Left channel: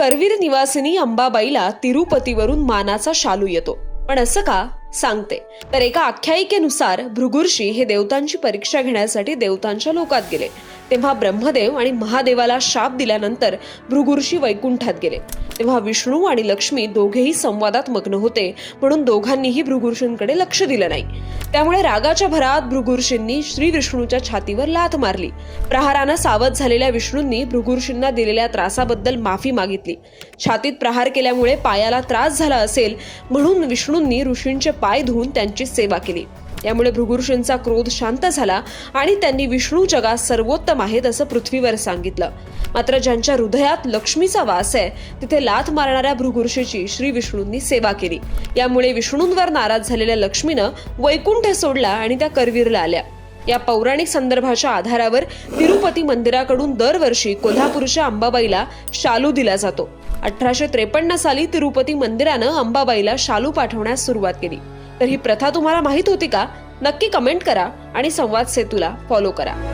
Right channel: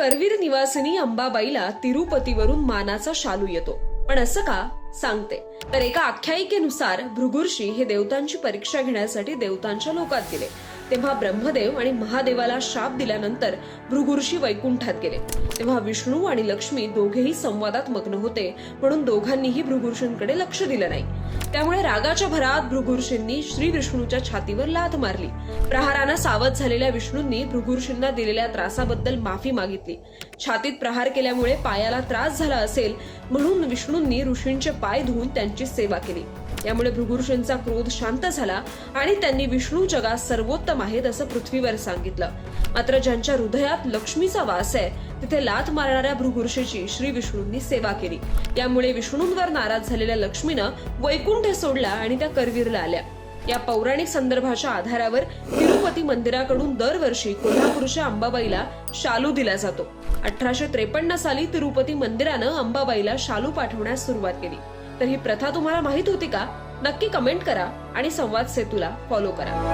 करवीर निवासिनी अंबाबाईला तिरुपतीवरून मानाचा शालू येतो. पण असं का सांगते. तर एका आख्यायिकेनुसार भृगुर्षी हे देवतांची परीक्षा घेण्यासाठी देवतांच्या लोकात गेले. तेव्हा ब्रह्मदेव आणि महादेवाला शाप दिल्यानंतर भृगुर्षी वैकुंठात गेले. तेव्हा विष्णू आणि लक्ष्मी दोघेही संवादात मग्न होते, म्हणून दोघांनीही भृगुर्षींकडे लक्ष दिलं नाही. त्यामुळे रागाच्या भरात भृगुर्षींनी श्री विष्णूच्या छातीवर लाथ मारली. प्रहारानं सावध झालेल्या विष्णूंनी भृगुर्षींना दिलेल्या त्रासाबद्दल माफी मागितली. छातीत प्रहार केल्यामुळे पायाला त्रास झाला असेल म्हणून विष्णूंनी ऋषींचे पाय धुवून त्यांची सेवा केली. यामुळे भृगुर्षींचा क्रोध शांत झाला आणि त्यांनी विष्णू जगात सर्वोत्तम आहेत असं पृथ्वीवर सांगितलं. मात्र ज्यांच्या हृदयात लक्ष्मीचा वास आहे तिथे लाथ मारणाऱ्या भृगुर्षीची श्री विष्णूंनी सेवा केली. यामुळे विष्णूंवर नाराज झालेल्या लक्ष्मीनं वैकुंठ सोडला आणि त्या करवीरला आल्या. या पौराणिक संदर्भाच्या आधारावर तिरुपती मंदिराकडून दरवर्षी कोल्हापूरच्या अंबाबाईला शालू दिला जातो. 1853 साली तिरुपती मंदिरानं अंबाबाईला शालू पाठवण्यास सुरुवात केली. तर ही प्रथा तुम्हाला माहित होती का? नक्की कमेंट करा आणि संवाद सेतूला फॉलो करा.